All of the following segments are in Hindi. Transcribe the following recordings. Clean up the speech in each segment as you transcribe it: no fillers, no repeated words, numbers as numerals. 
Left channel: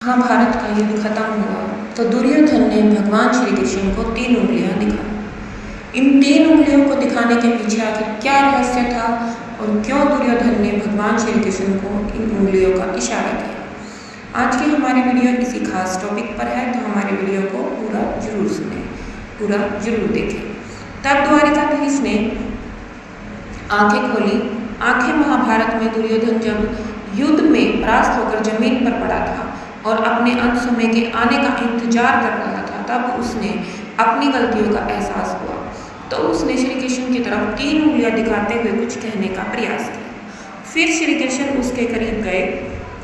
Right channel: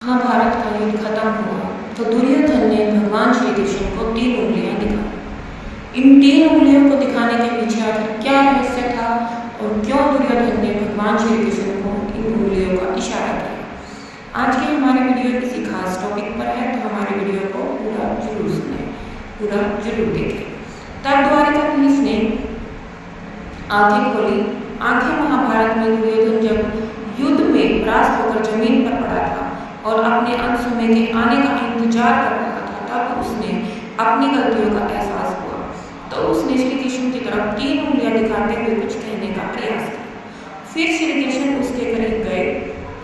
महाभारत का युद्ध खत्म हुआ तो दुर्योधन ने भगवान श्री कृष्ण को 3 उंगलियां दिखाई। इन 3 उंगलियों को दिखाने के पीछे आखिर क्या रहस्य था और क्यों दुर्योधन ने भगवान श्री कृष्ण को इन उंगलियों का इशारा किया। आज की हमारी वीडियो किसी खास टॉपिक पर है, तो हमारी वीडियो को पूरा जरूर सुने, पूरा जरूर देखें। तब द्वारिकाधीश ने आंखें खोली। आंखें महाभारत में दुर्योधन जब युद्ध में परास्त होकर जमीन पर पड़ा था और अपने अंत समय के आने का इंतजार कर रहा था, तब उसने अपनी गलतियों का एहसास हुआ। तो उसने श्री कृष्ण की तरफ 3 उंगलियां दिखाते हुए कुछ कहने का प्रयास किया। फिर श्री कृष्ण उसके करीब गए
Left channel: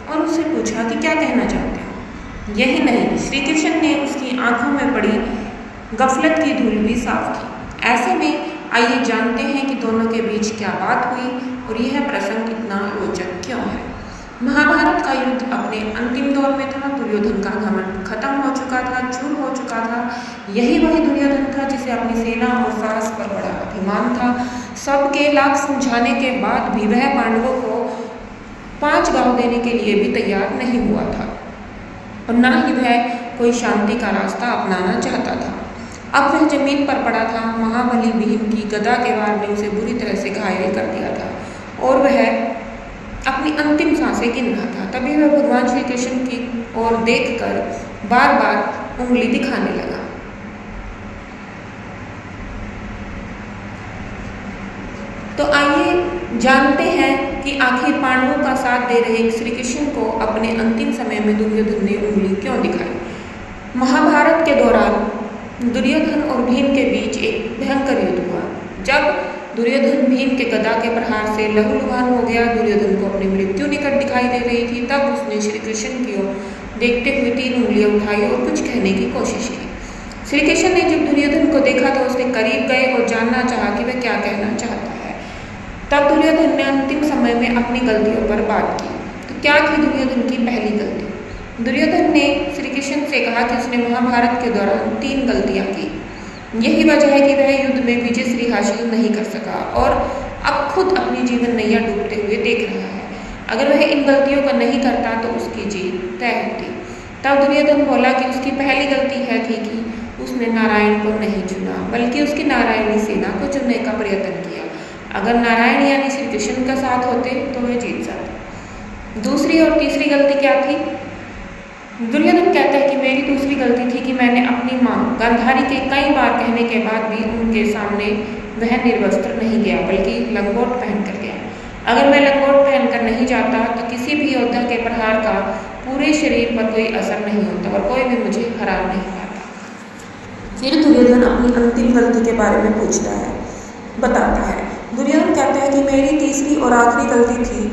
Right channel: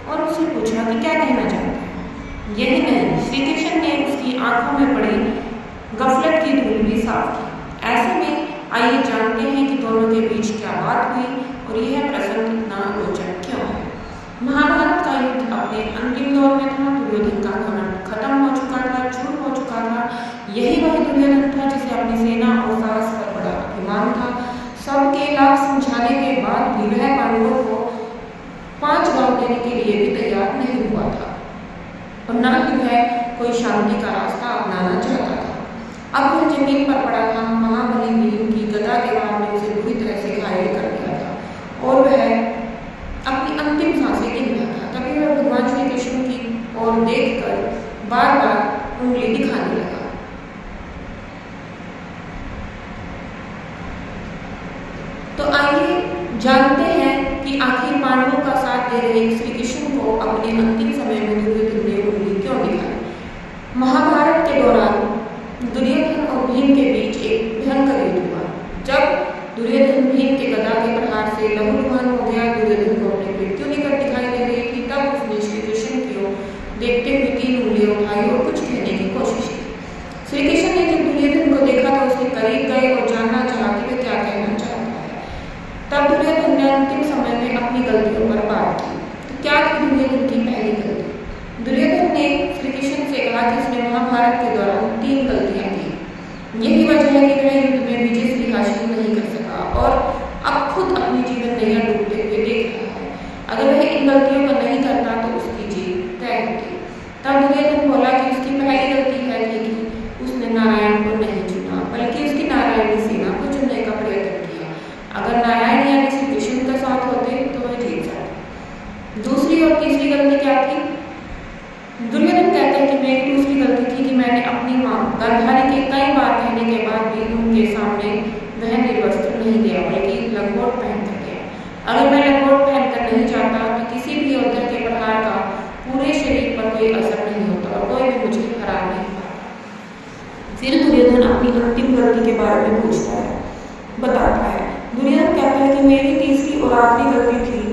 और उससे पूछा कि क्या कहना चाहते हो। यही नहीं, श्री कृष्ण ने उसकी आंखों में पड़ी गफलत की धूल भी साफ की। ऐसे में आइए जानते हैं कि दोनों के बीच क्या बात हुई और यह प्रसंग इतना रोचक क्यों है। महाभारत का युद्ध अपने अंतिम दौर में था। दुर्योधन का घमंड खत्म हो चुका था, चूर हो चुका था। यही वही दुर्योधन था जिसे अपनी सेना और साहस पर बड़ा अभिमान था। सबके लाख समझाने के बाद भी वह पांडवों को 5 गांव देने के लिए भी तैयार नहीं हुआ था और न ही वह कोई शांति का रास्ता अपनाना चाहता था। अब वह जमीन पर पड़ा था। महाबली भीम की गदा के वार ने उसे बुरी तरह से घायल कर दिया था और वह अपनी अंतिम सांसें गिन रहा था। तभी वह भगवान श्री कृष्ण की ओर देखकर बार बार उंगली दिखाने लगा। तो आइए जानते हैं कि आखिर पांडवों का साथ दे रहे श्री कृष्ण को अपने अंतिम समय में दुर्योधन ने उंगली क्यों दिखाई। महाभारत के दौरान दुर्योधन और भीम के बीच एक भयंकर युद्ध हुआ। जब दुर्योधन भीम के गदा के प्रहार से लहूलुहान हो गया, दुर्योधन को अपनी मृत्यु निकट दिखाई दे रही थी, तब उसने श्री कृष्ण की ओर देखते हुए 3 उंगलियां उठाई और कुछ कहने की कोशिश की। श्री कृष्ण ने जब दुर्योधन को देखा तो उसके करीब गए और जानना चाहा कि वह क्या कहना चाहता है। तब दुर्योधन ने अंतिम समय में अपनी गलतियों पर बात की। तो क्या थी दुर्योधन की पहली गलती। दुर्योधन ने श्री कृष्ण से कहा कि उसने महाभारत के दौरान 3 गलतियां की। यही वजह है कि वह युद्ध में विजय हासिल नहीं कर सका और अब खुद अपनी जीवन नैया डूबते हुए देख रहा है। अगर वह इन गलतियों को नहीं करता तो उसकी जीत तय होती। तब दुर्योधन बोला कि उसकी पहली गलती है थी कि उसने नारायण को नहीं चुना, बल्कि उसकी नारायणी सेना को चुनने का प्रयत्न किया। अगर नारायण यानी श्री कृष्ण का साथ होते तो वह जीत जाते। दूसरी और तीसरी गलती क्या थी। दुर्योधन कहता है कि मेरी दूसरी गलती थी कि मैंने अपनी माँ गांधारी के कई बार कहने के बाद भी उनके सामने वह निर्वस्त्र नहीं गया, बल्कि लंगोट पहनकर गया। अगर मैं लंगोट पहनकर नहीं जाता तो किसी भी योद्धा के प्रहार का पूरे शरीर पर कोई असर नहीं होता और कोई भी मुझे हरा नहीं पाता। फिर दुर्योधन अपनी अंतिम गलती के बारे में पूछता है, बताता है। दुर्योधन कहता है कि मेरी तीसरी और आखिरी गलती थी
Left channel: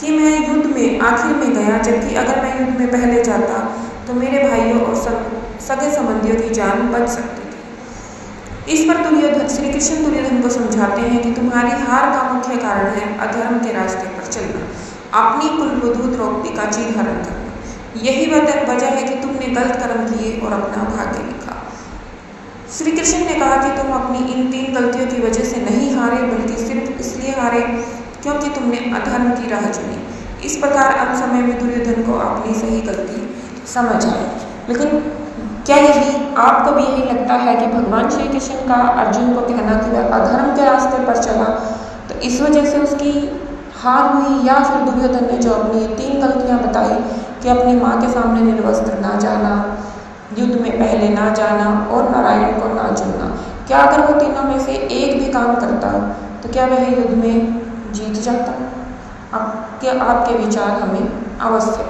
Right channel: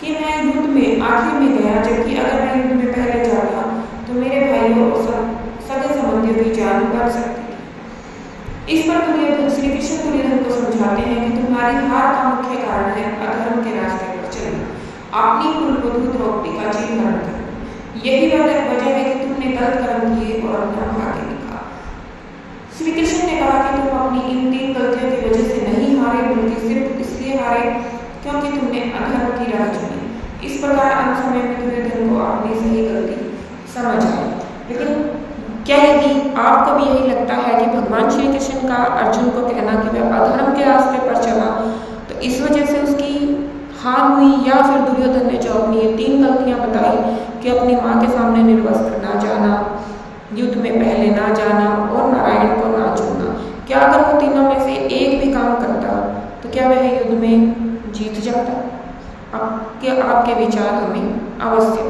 कि मैं युद्ध में आखिर में गया, जबकि अगर मैं युद्ध में पहले जाता तो मेरे भाइयों और सगे संबंधियों की जान बच सकती थी। इस पर श्री कृष्ण दुर्योधन को समझाते हैं कि तुम्हारी हार का मुख्य कारण है अधर्म के रास्ते पर चलना, अपनी कुलवधू द्रौपदी का चीर हरण करना। यही वजह है कि तुमने गलत कर्म किए और अपना भाग्य लिखा। श्री कृष्ण ने कहा कि तुम अपनी इन 3 गलतियों की वजह से नहीं हारे, बल्कि सिर्फ इसलिए हारे क्योंकि तुमने अधर्म की राह चुनी। इस प्रकार अंत समय में दुर्योधन को अपनी सही गलती समझ आई। लेकिन क्या यदि आपको भी यही लगता है कि भगवान श्री कृष्ण का अर्जुन को कहना कि वह अधर्म के रास्ते पर चला तो इस वजह से उसकी हार हुई, या फिर दुर्योधन ने जो अपनी ये 3 गलतियां बताई कि अपनी माँ के सामने निर्वस्त्र ना जाना, युद्ध में पहले ना जाना और नारायण को ना चुनना, क्या अगर वो तीनों में से एक भी काम करता तो क्या वह युद्ध में जीत जाता। आपके विचार हमें अवश्य